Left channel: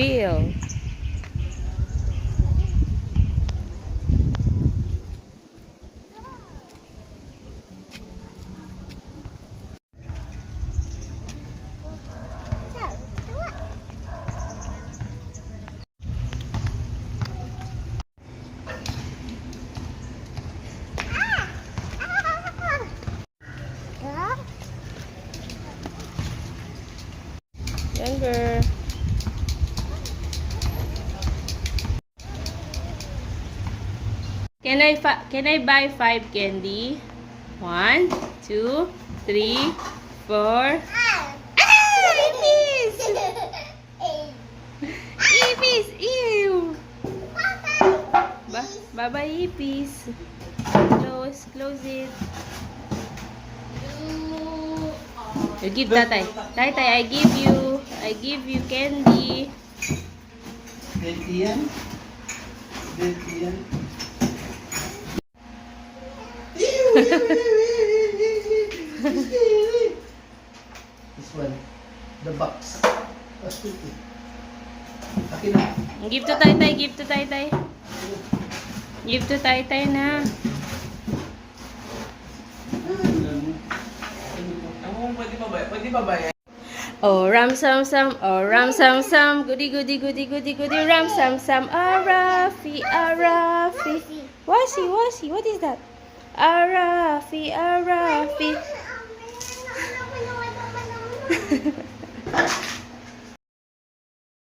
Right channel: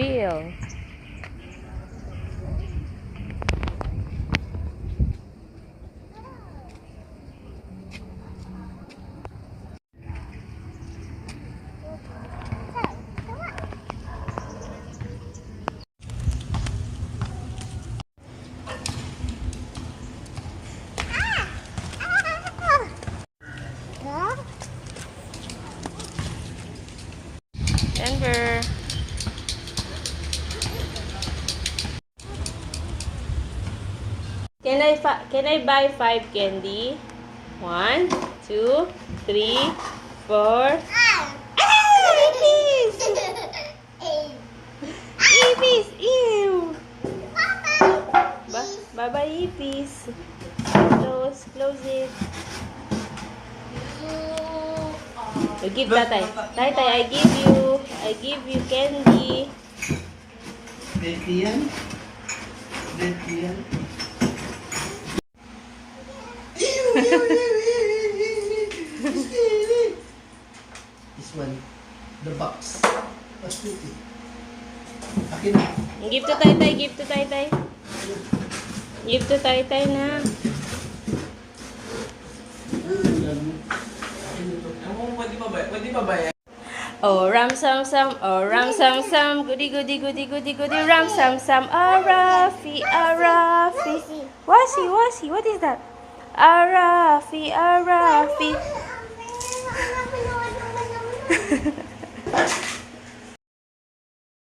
Wheel. Denver. Can I buy 5 candy? 1, 2, 3, 4. Ipis! Ipis! Ew! Bye-bye, Ipis. Close it. You give tatay. Tatay, I give you candy. Baby yan? Baby yan? This one. The box. That's pretty. Akin na. Give to tatay, give to tatay. Give to tatay na. Pwede pa ba? Oh ram sam sam, oh ram sam sam, goody goody goody goody goody ram sam sam, Arafi Arafi. Wasi, what is that? Arafi Arafi.